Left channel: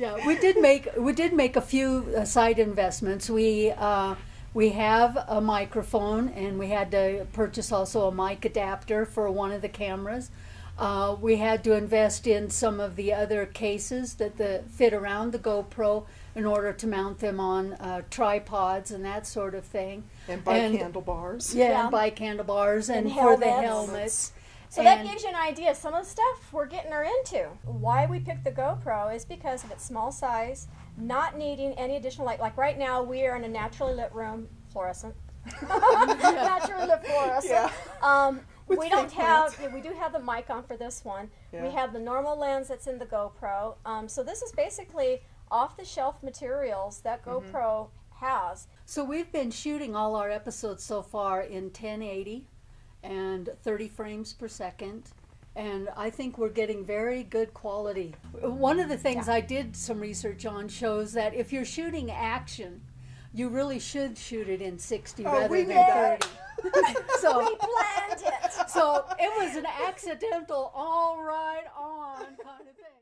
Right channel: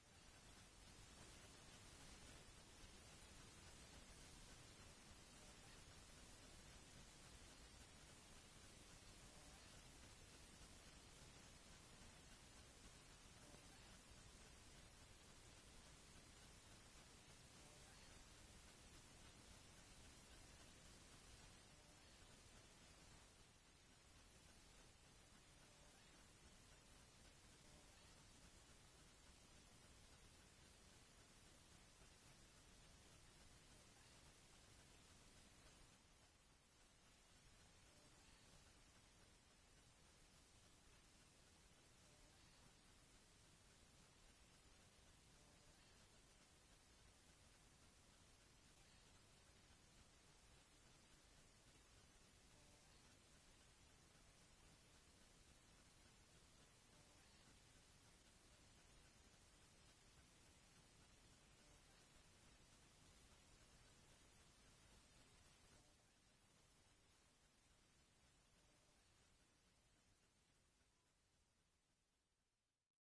Yeah, we did make a few side investments. We have a microphone, and we had to purchase also a mic adapter for one of the cameras. We had to invest in some of the other cases that fit around the GoPro in order to mount them on tripods and that sort of thing. And bike handlebars. Yeah, and bike handlebars and for the helmets. So that gives you an idea. Some of the stuff we're getting her into. Why we picked the GoPro is because of its small size, not needing any additional light. Like right now, we are in a naturally lit room, fluorescent. Naturally lit fluorescent. Yeah. We don't have. Yeah, we do have the mic on for this one. Yeah. We have the normal lens that's in the GoPro. So this is basically off-the-shelf materials that GoPro has. So we've been shooting all our episodes so far in 1080 and 30 frames per second, and I think we're getting very good quality. One of the things I did some research on shows that if you're shooting action, you really should shoot it in 60 rather than 30. So we planned it. So it was an accidental all right on kind of thing.